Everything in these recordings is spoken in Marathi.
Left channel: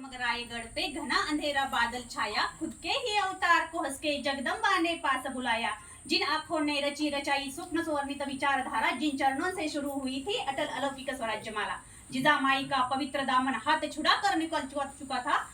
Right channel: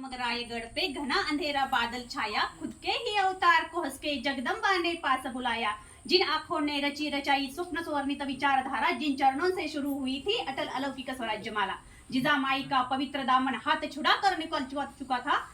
जगमग रायगढ़ पे घना अंधेरा बादल छाया, खुद के ही अवतार को हंस के जगदम्बा ने पास बुलाया। जिन आंखों ने रची रचाई स्वप्न स्वर्णित विचारधारा, जिन चरणों से शुरू हुई थी अटल अलौकिक स्वराज्य माला, जिजा माई का पवित्र दामन हाथ छुड़ा कर निकल चुका था,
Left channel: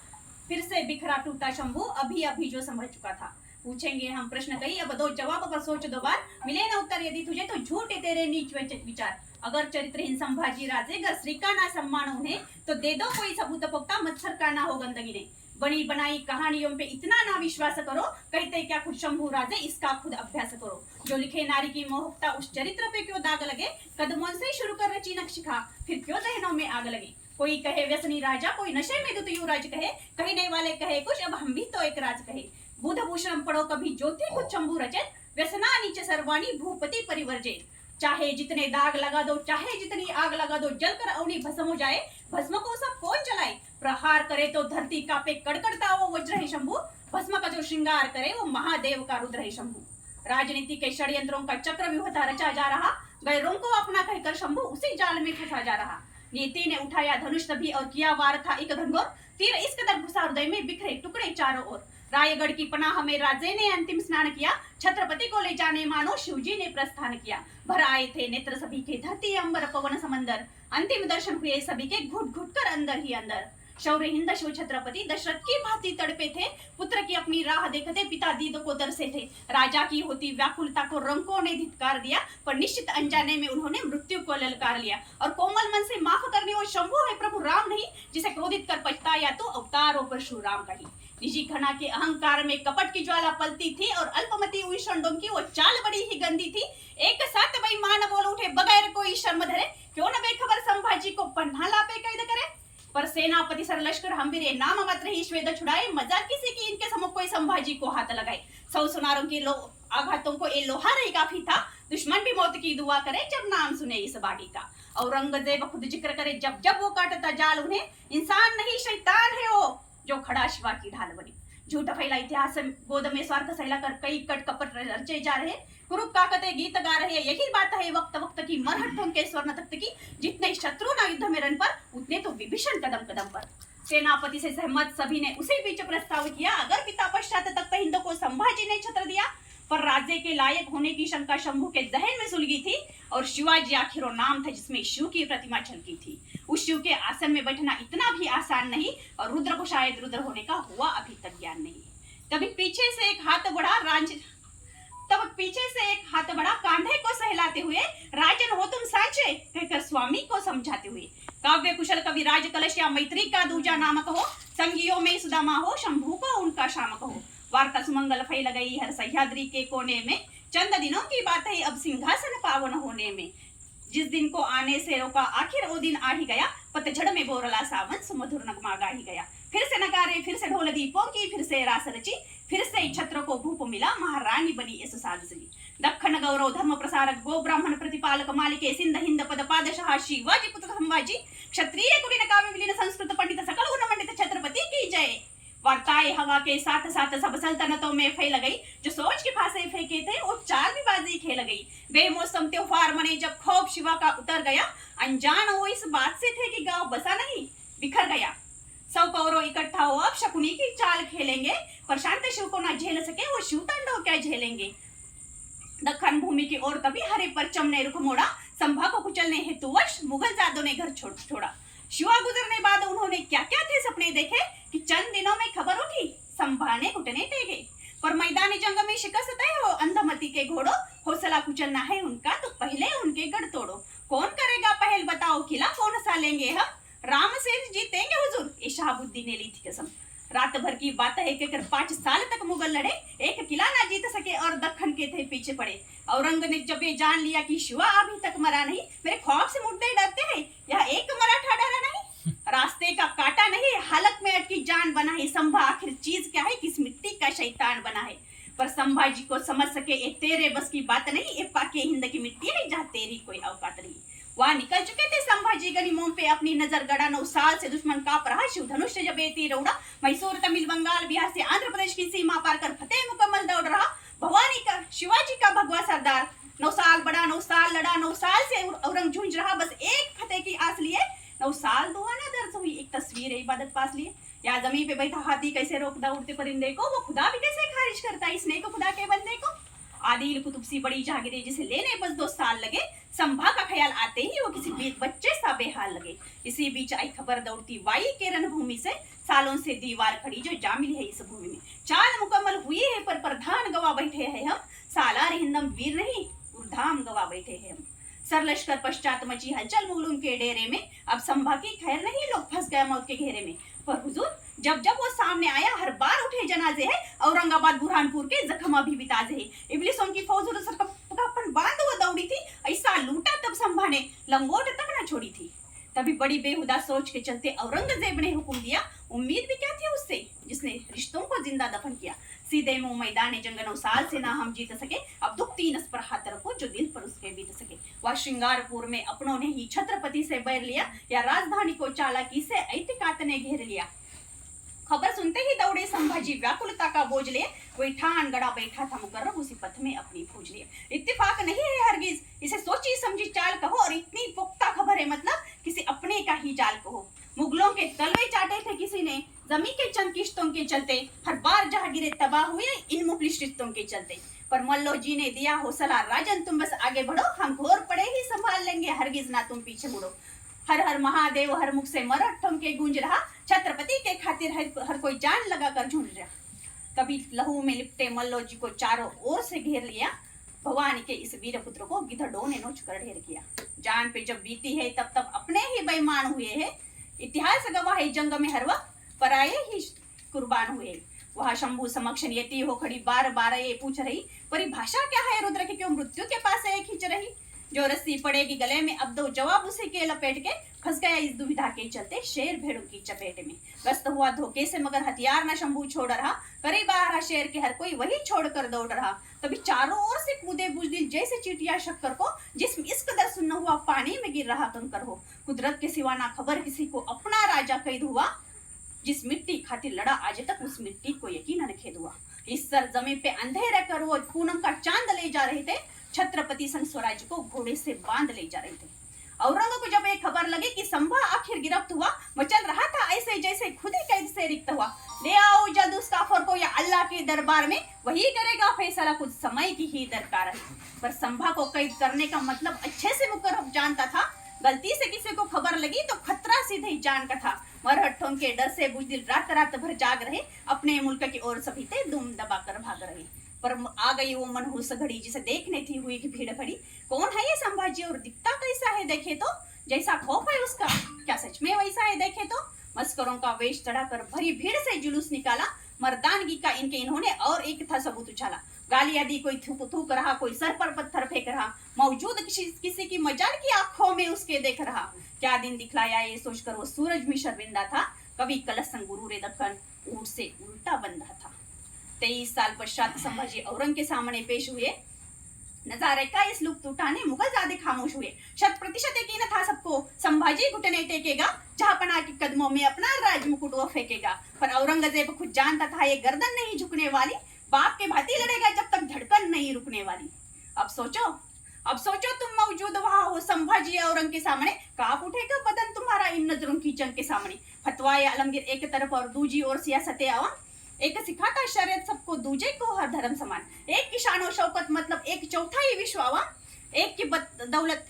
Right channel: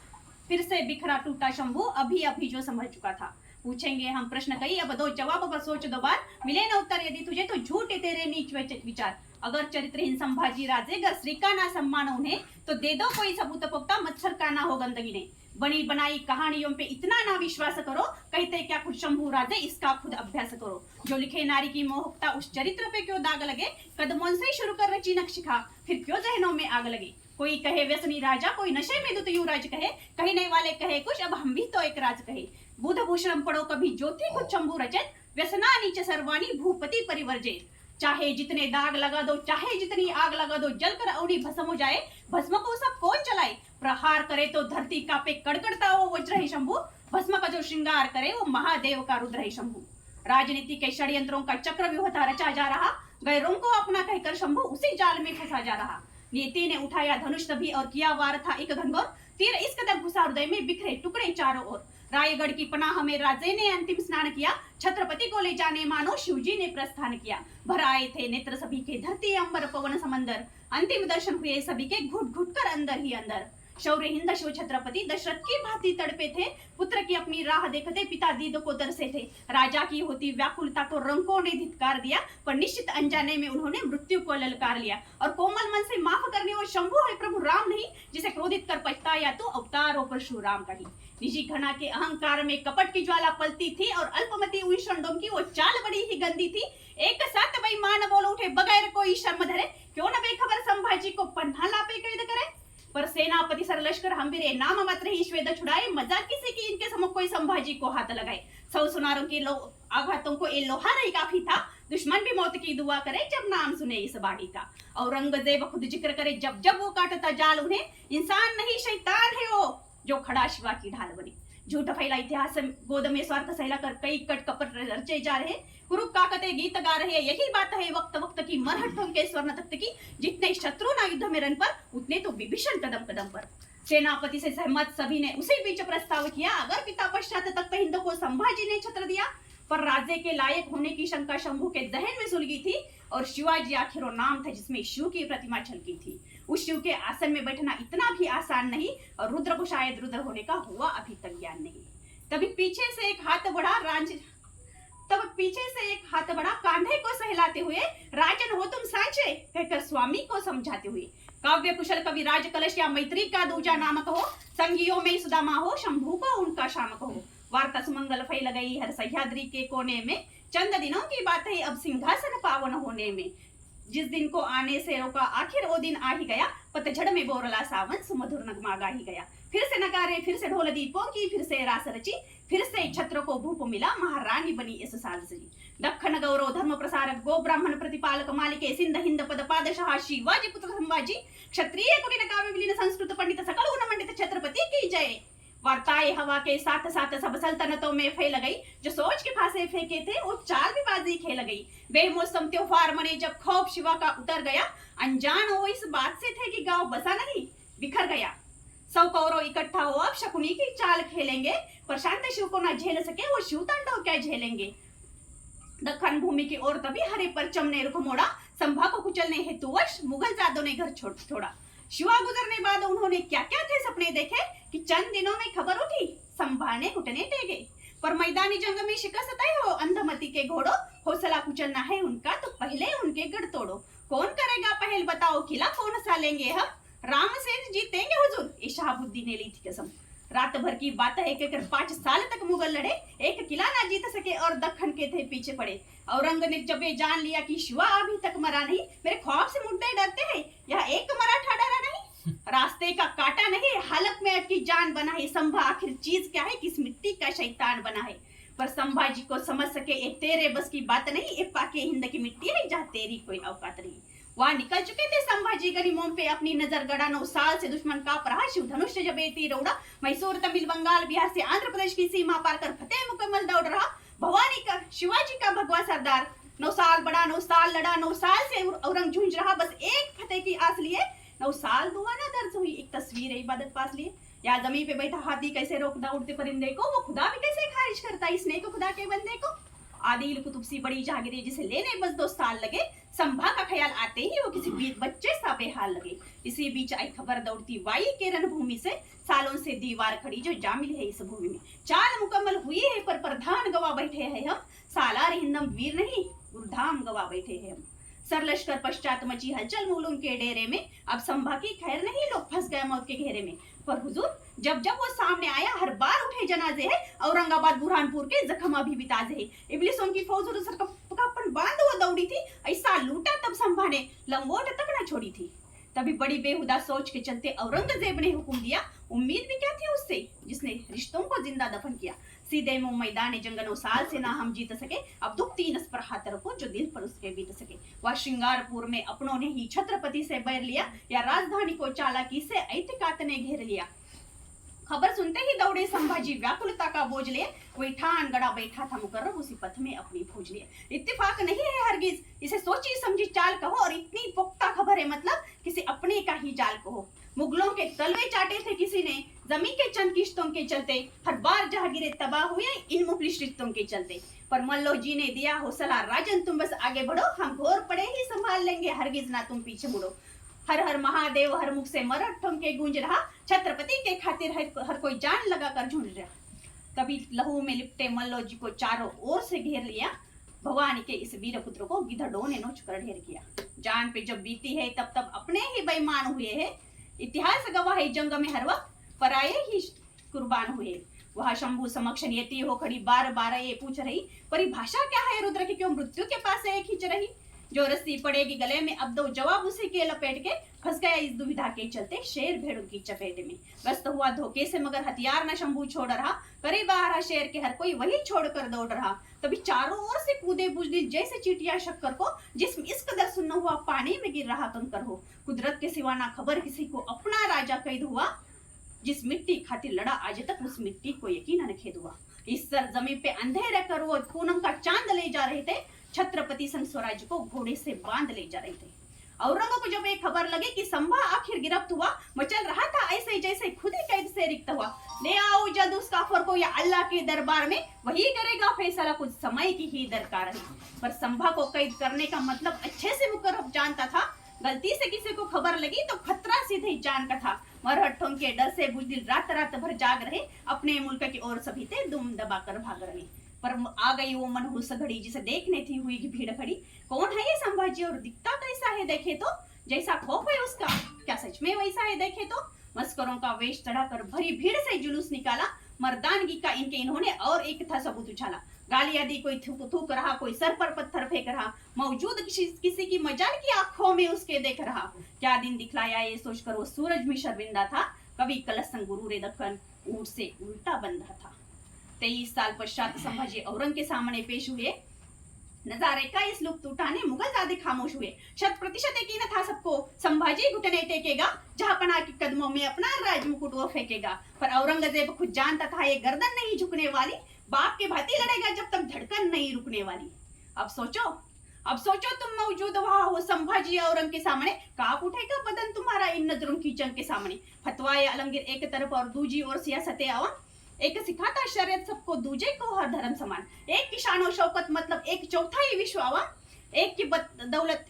फिर से बिखरा टूटा शंभू अभी अभी जो संभल चुका था। पूछेंगे हम प्रश्न कई, अब दो जवाब पर सोच दो बार, मिले न उत्तर यदि तुझे तो झूठे तेरे नीच विचार। अगर चरित्रहीन संभाजी राजे गर श्री का ना सम्मान उन्हें, तो दे दो कोई सबूत पुख्ता, मच्छर का ना हो गंदगी ने। बनी बनाई कहानियों पे इतना ना विश्वास करो, कहते क्या खुद शंभू राजे इसका खुद अभ्यास करो। जो लिखे नारी की मोहकता उस चरित्र पे क्यों दाग लगे, कदमों से शुरू कर रची नक्शिखा, फिर क्यों जहनों में आग लगे। कोई कहे व्यसनी राजा, कोई नशे में दुत युवराज कहे, कहने वाले कहे कुछ अब हम भी तो एक राज कहे। बुध भूषण पढ़ो कभी ज्योति खुद शंभू रचित, व्यसना नीचे सर्वाणी भूपति परिवर्जित। चाहे जितने दाग लगा दो, चाहे जितनी आग लगा दो, जलकर अवनी भस्म हो जाए, भस्म को सब कौन जलाए। प्रहार करे तो धरती कांपे, कड़कड़ता वो वज्र है शंभू, भस्म का जो श्रृंगार करे वो महादेव का रुद्र है शंभू। राजनीति के षड्यंत्रों का चक्रव्यूह रचा जा रहा, गैरों को अपना कहकर शंभू उसी जाल में फंसा जा रहा। नीति ने उठाया धनुष तभी और किया वार था एक घनघोर, तीर इस कदर घुसा हृदय में, बिखरे टुकड़े चारों ओर। रायगढ़ की पनाह में राजे ने अंतिम स्नान किया, छत्रपति को ले जाने मानो शिवजी ने प्रस्थान किया। भर आए थे नेत्र सभी के, धरती अंबर पवन समंदर, अंतिम दर्शन हुए सभी के, घुट घुट कर अंदर ही अंदर। शौर्य हिंद शिव छत्रपति दशरथ की भांति तड़पे थे, पुत्र की अपनी राह देखते पिता दीद को दरसे थे। राजा की होती व्याकुलता को रंकों ने धिक्कार दिया, पर निश्चित अनजाने में उन्होंने मृत्यु को ललकार लिया। और कोमल मन से माफ करने वो शंभू है प्रभु राम नहीं, जिसे क्रोधित कर पछताया तो अवतार हो परशुराम का ही। निजी घना के अहंकार में कपट की ज्वाला पलती थी, और अल्पमति उन षंडों की वो चाल बड़ी ही गंदी थी। एक साथ बेईमान बोल उठे बगैर कोई शर्म धरे, क्यों न बेखबर संभाजी को पन्ना लापे कैद करे। पर सेनापति सर लश्कर हम्बीरे, नाम मात्र ही श्वेद छुड़ाए, मजाक किसी की इनके सम्मुख कोई संभाजी को हाथ लगाए। सौ सुनारों की आघातों को ये लोहार ही काफी था, दुश्मन भी मौत की दुआ करे जब नाम सुने इस बाड़ी का। औरंगजेब खुद जिक्र करे जब जब वो काटता जाल उन्हें, इंसान नहीं शैतान है वो जो खड़ा शिवा की ढाल बनी। झूठ फैला इतिहास गोद में स्वार्थ सहला कर कई कट कपट रचे जा रहे, कुरुप काकते गीत गा रहे। यही बात है वक्त वक्त की, मरहट्टों के स्वर्ण तख्त की, जितने शत्रु ना युद्ध में रण पर, उतने तो विभीषण कदम कदम पर। सेनापति से सहमत सभी ने उसी बीच प्रस्ताव किया, अगर पिता पश्चात तक हिंद को संभाजी ने छत्र दिया। पर राज्य के लायक होने की शंका शंभू के जहन में सुलगी थी, और शिवाजी आखिर नाम था जिसमें शिव की प्रतिमा झलकी थी। उस शिव के आसन में बैठना इतना भी आसान नहीं, और रुद्र को शायद रुद्र होने का हुआ अभी तक ज्ञान नहीं। तभी पीछे से एक हाथ बढ़ा कांधे को सहलाते हुए, राजन हो तुम सांचे, कहकर स्वामी को समझाते हुए। काव्य कुशल कवि राज कलश या मैत्री का दूजा नाम कहो, संगियों में सुदामा हो, शंभू को उनका शाम कहो। वार्ता सुमंगल फैल गई हर सह्याद्री के कोने में, चंद दिनों की बात है अब सिंहासन पावन होने में। जिस दिन को आने से रोका आखिर वो दिन आ ही गया, पतझड़ में बोरला सावन सुमधुर नगमा गा ही गया। फिर से नगारे, फिर से ढोल दीपों की, फिर से रास रची, फिर से छत्र को भूप मिला, महारानी बनी इस साज सजी। दक्षिण गौरव धर्म प्रसारक गो ब्राह्मण प्रतिपालक मालिके, सिंध हिंद पद पादशाह शिवाजी पुत्र संभाजी, क्षत्रिय कुलीन काव्य विलीन संस्कृत पंडित सकल गुण मंडित छत्रपति की जय। वार्ताएं हवा के साथ साथ सब सल्तनतों में फैल गई, जो सोच के फांसे फेंके थे वो चाल भी बाजी खेल गई। बेमौसम त्योहार मने जब खौफ शिवा का उतर गया, अनजान वो इस बात से थे कि गांव बसा नहीं बिखर गया। सौ कौरव इकट्ठा हो अब शकुनी की चाल खेलेंगे, पर शांत शिव को ना झेल सके वो शिव तांडव क्या झेलेंगे। दक्खन भूमि की ओर तभी हरे परचम ने रुख मोड़ा, संभा को कुचलने हेतुवश मुगल जादों ने घर छोड़ा। शिवा गुजरने बाद उन्होंने क्या क्या थे सपने देखे, कि चंद दिनों में खबर उठी संभा ने घुटने टेके। पर मैदानी जंग में शिकस्त तय हो अंधमती के घोड़ो, हौसला कुचलना है उनका तो पहले उनके गढ़ तोड़ो। कौन करेगा पहल बताओ किला, कौन सा लेंगे हम, राम से जीतेंगे हुजूर, ये शहाबुद्दीन ने ली थी कसम। रात भर की बात है कहकर 5 साल तक मुगल लड़े, एक किला ना जीत सके और दक्खन के थे पीछे पड़े। औरंग ने जब ये जान लिया कि शिवा अभी तक मरा नहीं, मेरे ख्वाब से मुर्दे डरते हैं, यह एक मराठा डरा नहीं। रास्ते का काटा नहीं, हालत में अटकी जान बना है संभा, आखिर चीज क्या है, किस मिट्टी का शैतान बना है। पर संभाजी को समझ सके ये तेरे बस की बात नहीं, ये पाके हिंद की मिट्टी है जहाँ तेरी कोई औकात नहीं। वहां निकल चुके थे संभाजी गनीमों पे अपनी नजर गड़ा, 9 साल से दुश्मन कांप रहा, शिव धनुष से जब ये तीर उड़ा, मैसूर तमिल बंगाल बिहार से आंध्र प्रदेश की सीमा पार कर फतेह मुकम्मल दौड़ रहा। भवानी का शिवाजी का भगवा सरदार, 9 साल बड़ा, 9 साल लड़ा, 9 साल से औरंग झूंझ रहा, बस एक फतेह की आस लिए। 9 साल दुआ ना दर्ज हुई, एक तस्वीर है इबादत पास लिए। या जमीन पे बैठा हाथी कैसे रोकता उड़ते परिंदे को, वो खुदा भी कैसे खारिज करता इसने को खुदा के बंदे को। आदिल कुतुब सी बड़ी जागीरे जिसे लेने बस 2 साल लगे, संभा का ख्याल आते ही वो किसी बच्चे सा बेहाल लगे। इसी बीच आई खबर दौड़ती वाई के रणभूमि से, सालों से दीवार खड़ी जो जामिल है इस भूमि में। चाल मुकम्मल हुई है पर प्रधान गवा बैठे हैं हम, सालार हिंदम वीर नहीं गुरुधाम गवा बैठे हैं हम। सर लश्कर पश्चात मची हलचल मुगलों के डेरे में, अब संभा की खैर नहीं लोग फंस गए मौत के घेरे में। पर हुजूर जब जब वो सामने आया हर बार उठे जनाजे है, औरंगाबाद बुरहानपुर के जख्म अभी भी ताजे है। इब्लिसों की फौज सर कपन बांध वो दौड़ी थी, ऐसा लूटा तब संभा ने लंगोट तक न छोड़ी थी। तभी बड़ी बेहुदा सोच के चलते औरंगजेब ने हुक्म दिया, उम्मीद भी क्या थी उससे जिसने रिश्तों को जिंदा दफन किया। सीधे मुंह मैदान जंगनों साल से ना हम जीत सके, अब दुख तीन पर हाथ रखो जो दिल पर उसके बीत सके। वह श्रृंगारपुर में अपनों ने ही छत्रपति से बैर लिया, या राजधानी को चालाकी से ऐतिकात ने घेर लिया। खबर सुनते ही दौड़े संभाजी व्याकुलता का बोझ लिए, वही ठान गड़ा बैठा था मुकर्रब उसी पथ में अपनी फौज लिए। इत्तेफाक नहीं है हरगिज इसे सोची समझी चाल कहो, और इतनी पुख्ता खबर है मतलब किसी अपने का ही जाल कहो। मुगलों के तलवे चाटे थे किसी ने जमी के चंद किश्तों के चलते, हर बार जहांगीरें तबाह हुए इन मुफलिस रिश्तों के चलते। पर मल्लो जी ने दिया हौसला, राजन तुम बस आगे बढ़ो, हम घोर पड़े ही संभाल लेंगे, हरगिज ना तुम पीछे मुड़ो। हर हर महादेव हर मुख से मरठों के गूंज रहा, छत्रपति के खातिर हर कोई जान लगा कर झूंझ रहा। कभी लहू में लिपटे मल्लो जी को चारों ओर से घेर लिया, भवानी के इस वीर पुत्र को गिद्धड़ों ने नोच कर ढेर किया। जान पे जब बीती है तब तब अपने ही बेईमान हुए हैं, इतिहास गवाह है जंग में हर वक्त पराये ही कुर्बान हुए। वह शंभू समक्ष नियति हो खड़ी बार बार ये पूछ रही, परिभाषा क्या है रुद्र की क्यों मृत्यु के पास है खींच रही। जो रस्सी पड़ेगी गले में अब दो जवाब उसी के लपेट के, फंस गया इस दुविधा के चलते शेर भेड़ों की चपेट में। व्यस्त हुआ धोखे से मगर हथियार न शंभू छोड़ रहा, करीब आ रहा शेर के हर कोई वही छोड़कर दौड़ रहा। तभी चारों ओर से कूदे बुजदिल जैसे चीटियां शक्कर को, जिसम इस कदर सुन्न हुआ पानी में गिर रहा कंकर हो। कुदरत के सिवा ना खबर किसी को अपना राजा कैद हुआ, जिस मिट्टी खातिर लड़ा आज तक उस मिट्टी को यकीनन खेद हुआ। इस सरजमीन पे अंधेरे कर वो पूनम का चांद ले जा रहे थे, छत्रपति संग स्वराज को घोड़े से बांध ले जा रहे थे। औरंग को जब एक खबर लगी कि संभा आखिर गिरफ्त हुआ, मचल रहा था ऐसे जैसे खुद ही कैद से रिक्त हुआ। ले आओ जल्द उस काफर को या अल्लाह के दरबार में, वही करेगा फैसला, कुछ समय की ही दरकार है। पर संभा को कैद करने का मतलब अच्छे से मुकर्रब जानता था, गलती से किसी को खबर लगी तो खतरा सीधे ही जान का था। मरहट्ठों के डर से बुजदिल रात रात भर जाग रहे, अपने मुल्क की ओर सभी थे दुम दबाकर भाग रहे। पर आ गई वो मनहूस घड़ी जिसे देखने थी हुई की भीड़ खड़ी। कौन है ये संभाजी और दिखता कैसा है देखे तो, जैसा खौफ है उसका क्या सच में वैसा है देखे तो। मस्करों का वेश चढ़ाकर भरी भीड़ से जुलूस निकाला, मर्दानगी का इनके इन्होंने और एक था सबूत उछाला। गालियां दी, कोई थूक रहा, कोई सर पर पत्थर फेंक रहा, मौजूद किसी की मजाल की आंखों में उसके देख रहा। क्या दिन दिखलाया ये सोचकर वो सूरज भी शर्मिंदा था, कभी कलसन गुरु रे दक्कन ऊंट से उल्टा बंधा था। 23 साल पश्चात संभाजी औरंग के सामने पेश हुए, नजारे का इस लुप्त उठाने मुगल ज्यादा खामोश हुए। 100% यकीन था सबको संभाजी घुटने टेकेगा, जहांपना के कदमों में अपना राज मुकुट वो फेंकेगा। पर औरंगजेब खुद जानता था ये गर्दन नहीं झुकने वाली, बाप के भांति लड़ेगा जब तक धड़कन नहीं रुकने वाली। अब सोचो तुम मौजूद वहां हो संभाजी औरंग के सामने, कांप उठेगा बदन तुम्हारा इन नजरों की जंग के सामने। फतवाए आलमगीर एक तरफ और दूजी ओर सियासत आवाम, एक सिखाता शरीयत सबको, दूजे को हर धर्म समान। एक की शान और शौकत मतलब एक चौथाई विश्व आवाम, एक की दौलत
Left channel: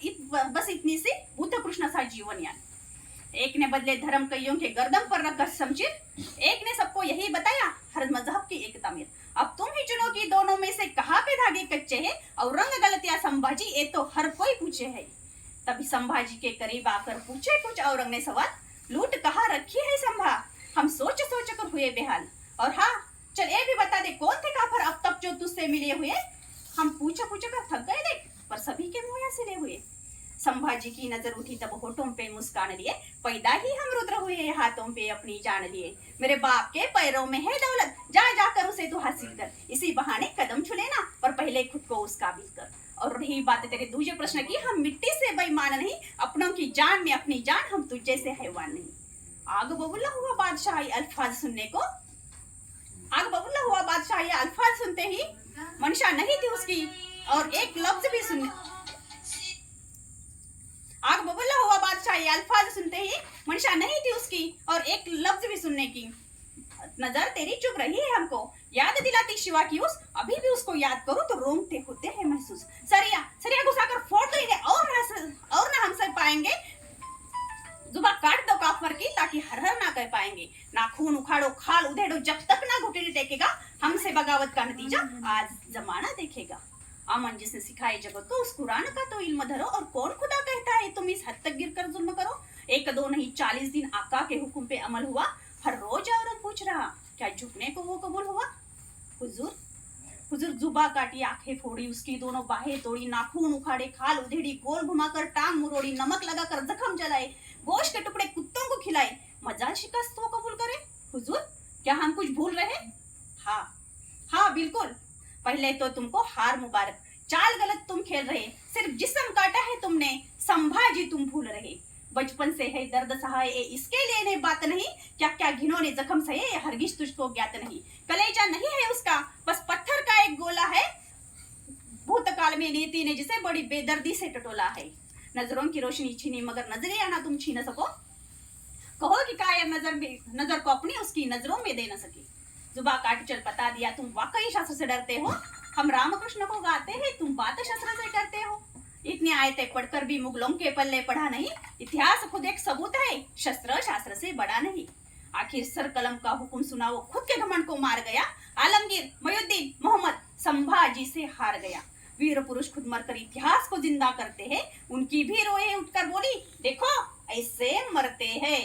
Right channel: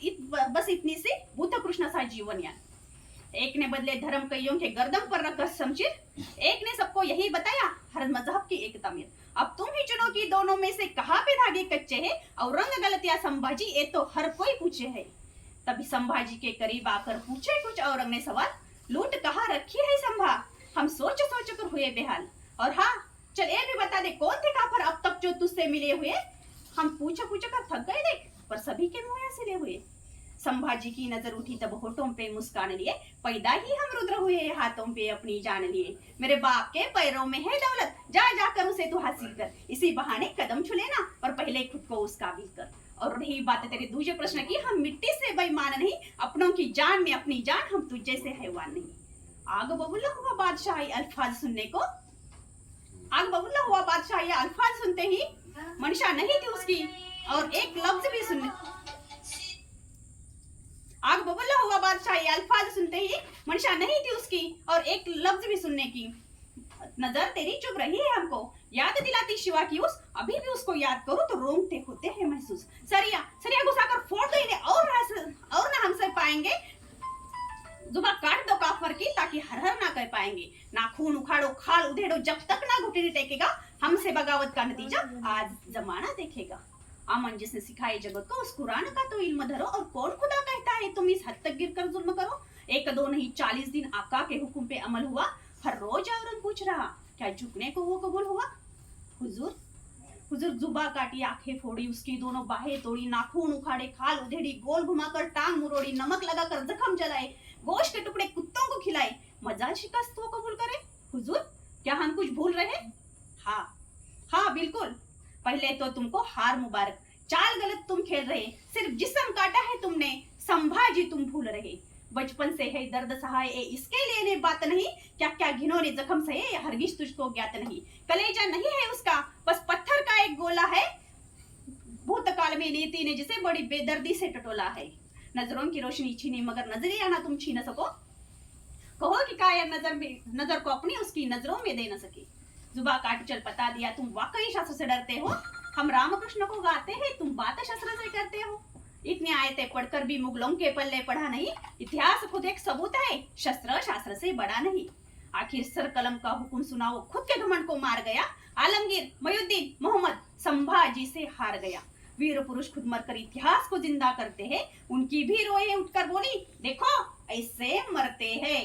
बस इतनी सी बुद्ध कृष्ण सा जीवन यान। एक ने बदले धर्म कईयों के गर्दन पर रखा शमशीर, एक ने सबको यही बताया हर मजहब की एक तमीर। अब तुम ही चुनो कि दोनों में से कहाँ पे धागे कच्चे हैं, औरंग गलत या संभाजी, ये तो हर कोई पूछे है। तभी संभाजी के करीब आकर पूछे कुछ औरंग ने सवाल, लूट कहाँ रखी है संभा, हम सोच कर हुए बेहाल। और हाँ चल ये भी बता दे कौन थे काफर अब तक जो तुझसे मिले हुए, हम पूछ कर थक गए देख, पर सभी के मुंह सिले हुए। संभाजी की नजर उठी तब होठों पे मुस्कान लिए, पैदा ही हम रुद्र हुए हाथों पे अपनी जान लिए। मेरे बाप के पैरों में है दौलत, जा जाकर उसे तू हासिल कर, इसी बहाने कदम छू लेना, पर पहले खुद को उस काबिल कर। और रही बात तेरे दूसरे प्रश्न की, हम मिट्टी से बेईमान नहीं, अपनों की जान में अपनी जान, हम तुझे से हैवान नहीं। आग बबूला हुआ बादशाह अल्फाज सुनने को, आग बबूला हुआ बादशाह ये अल्फाज सुनते ही मंशा नहीं थी उसकी, और एक लफ्ज भी सुनने, आग बबूला हुआ बादशाह ये अल्फाज सुनते ही मंशा नहीं थी उसकी, और एक लफ्ज भी सुनने की। नजर तेरी चुभ रही है हमको, याद दिलाती शिवा की उस, अभी भी उसको याद करो तो रोंगटे होते हैं महसूस। सरिया सरिया घुसाकर फोड़ दो इन्हें, और ना हम सह पाएंगे, जुबा काट दो काफर की ताकि हर हर ना कर पाएंगे। नाखून उखाड़ो खाल उधेड़ो, जब तक ना घुटने टेकेगा हमसे बगावत का नतीजा आज जमाना देखेगा। अमन जिसने सिखाए जगत को उस कुरान का तो इल्म धरो, और कौन खुदा कहता है तुम इस हद तक गिर कर जुल्म करो। एक दो नहीं 40 दिन आका के हुक्म पे अमल हुआ, हर रोज औरत पूछ रहा क्या झुकने को वो कबूल हुआ। हुजूर हुजूर जुबा काटी आंखें फोड़ी, उसकी दोनों बाहें तोड़ी, नाखून उखाड़े खाल उधेड़ी, गोल घुमाकर टांग मुरोड़ी, नमक लगाकर जख्म जलाए, गोश्त के टुकड़े कुत्तों को खिलाए, मजाल शिकस्त वो कबूल करे। हुजूर क्या हम कुछ भूल रहे? हाँ हाँ बिल्कुल, पहले तो तुमको हार मुबारक, चाल गलत तुम खेल रहे, सिर्फ जिस्म काटा है तुमने, संभाजी तुम भूल रहे। बचपन से है दर्द सहाय इसके लिए ने बात नहीं, क्या क्या घिनौने जख्म सहे ये हरगिज तुझको ज्ञात नहीं। कलेजा नहीं है उसका बस पत्थर का एक गोला है, भूतकाल में नीति ने जिसे बड़ी बेदर्दी से टटोला है। नजरों की रोशनी छीनी मगर नजरिया ना तुम छीन सको, कहो कि कायर नजर को अपनी उसकी नजरों में दे न सके। जुबा काट चल पता दिया तुम वाकई शास्त्र से डरते हो, हम रामकृष्ण को गाते हैं तुम बात शस्त्र से करते हो। इतनी आयतें पढ़कर भी मुगलों के पल्ले पढ़ा नहीं, इतिहास खुद एक सबूत है शस्त्र शास्त्र से बड़ा नहीं। आखिर सर कलम का हुक्म सुना वो खुद के घमंड को मार गया, आलमगीर मोयुद्दीन मोहम्मद संभाजी से हार गया। वीर पुरुष खुद मरकर इतिहास को जिंदा करते हैं, उनकी भी रोए उठकर बोली देखो ऐसे मरते हैं।